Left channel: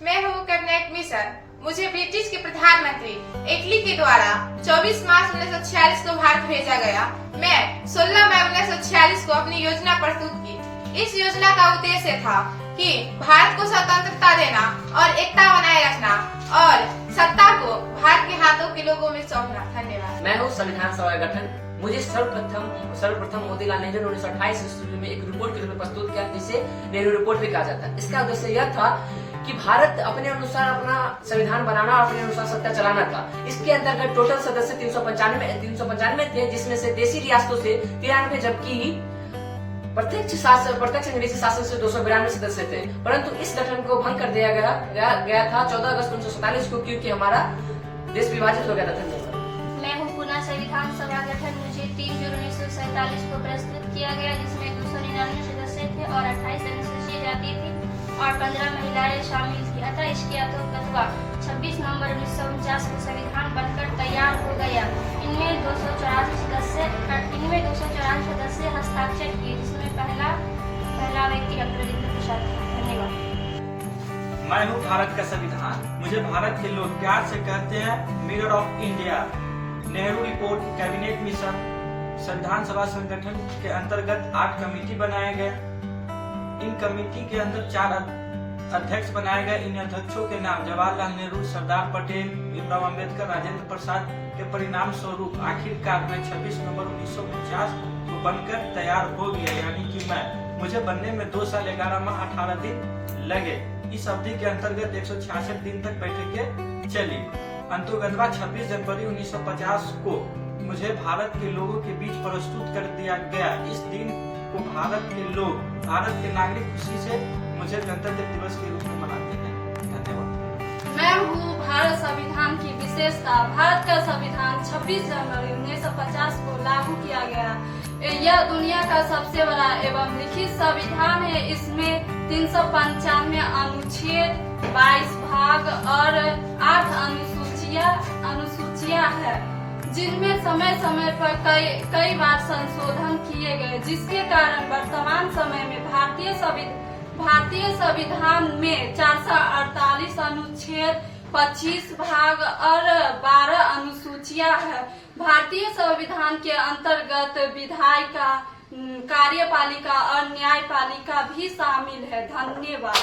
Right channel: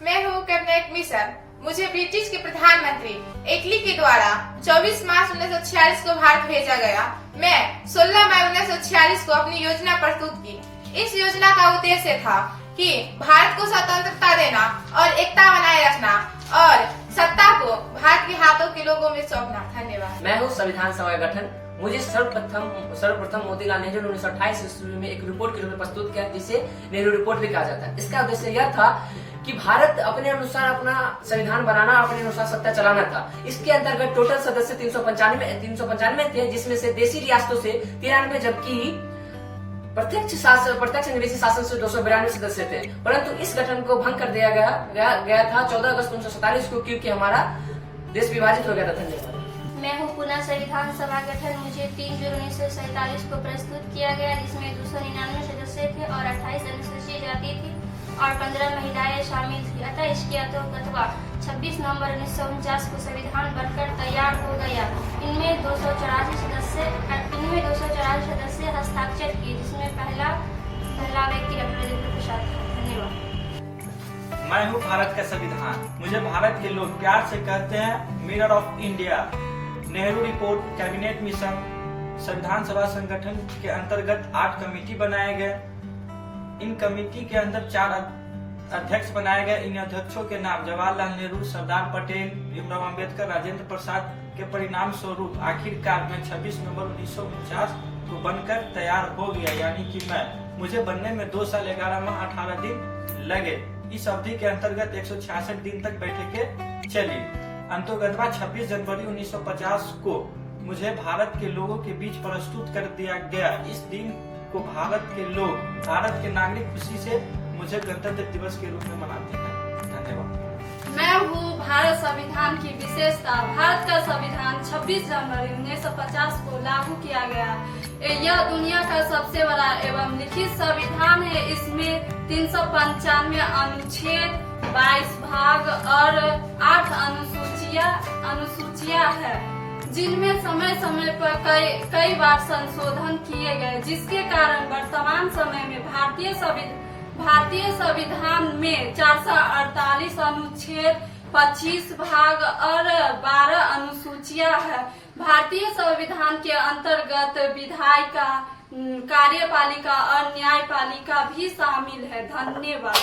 मैं हूँ cabinet mission. मुझे ब्रिटिश के प्रधानमंत्री इटली के द्वारा 24 मार्च 1946 को भारत भेजा गया। मैं 16 मई 1946 को अपनी योजना प्रस्तुत की। इस योजना का उद्देश्य था कि भारत को स्वतंत्रता देना और एकता बनाए रखना और सत्ता को भारत के हाथों के लोगों में सौंपना। धन्यवाद। मैं हूँ संविधान सभा का गठन। मुझे सर्वप्रथम मोतीलाल नेहरू 1928 ईस्वी में एक रिपोर्ट के रूप में प्रस्तुत किया, जिसे नेहरू रिपोर्ट भी कहा जाता है। इसका उद्देश्य यह था कि भारत अपने अनुसार अपना संविधान बनाना और अपने अनुसार सत्ता चलाना था। इसके अंतर्गत टोटल सदस्य 395 थे, जिसमें से देशी रियासतों से 93, जबकि प्रत्यक्ष निवेशी शासन से 292 सदस्य थे। परंतु इस गठन को भंग कर दिया गया था 14 अगस्त 1947 को, क्योंकि हमारा देश विभाजित हो गया था। धन्यवाद। मैं हूँ पुनः संविधान सभा गठन। मुझे 3 जून 1947 को प्रस्तुत किया गया, जिसमें 299 सदस्य थे और 28 अनुसूचित जाति थी और 15 महिलाएं शामिल थी। अतः इसके अंतर्गत 26 नवंबर 1949 को संविधान बनकर तैयार हो गया। इनमें 284 सदस्य हस्ताक्षर किए, जिसमें पहला व्यक्ति डॉक्टर राजेंद्र प्रसाद था। धन्यवाद। मैं हूँ भारत का संविधान। मुझे भारत के लोग प्यार से कहते हैं mirror of India. Nehru report, cabinet mission, संविधान सभा संगठन के अंतर्गत 8 कमेटी बनाए गए। इन कमेटी के अंदर 4 अध्यक्ष बनाए गए। इन अध्यक्षों के नाम जवाहरलाल नेहरू, सरदार पटेल, भीमराव अम्बेडकर, राजेंद्र प्रसाद के परिणाम स्वरूप आखिरकार में 26 नवंबर 1949 को बनकर तैयार हो गया। यानी कि मुझे बनने में 2 साल 11 माह 18 दिन लगे। इस अवधि के अंतर्गत 166 दिन तक बैठकें चली। अंतोगत्वा 26 जनवरी 1950 को मुझे भारत के लोगों के बीच प्रस्तुत कर दिया गया। इस दिन को भारत के नागरिक खुशी से मुझे गणतंत्र दिवस के रूप में मनाते हैं। धन्यवाद। मैं हूँ भारत संविधान की विशेषता। भारत का संविधान 26 जनवरी 1950 को लागू किया गया। यह दुनिया का सबसे बड़ा एवं लिखित संविधान है। इसमें 395 अनुच्छेद, 22 भाग और 8 अनुसूचियां हैं, जिनमें समय समय पर कई बार संशोधन किए गए, जिसके कारण वर्तमान समय में भारतीय संविधान में 448 अनुच्छेद, 25 भाग और 12 अनुसूचियां हैं। भारतीय संविधान के अंतर्गत विधायिका, कार्यपालिका और न्यायपालिका भी शामिल है। धन्यवाद।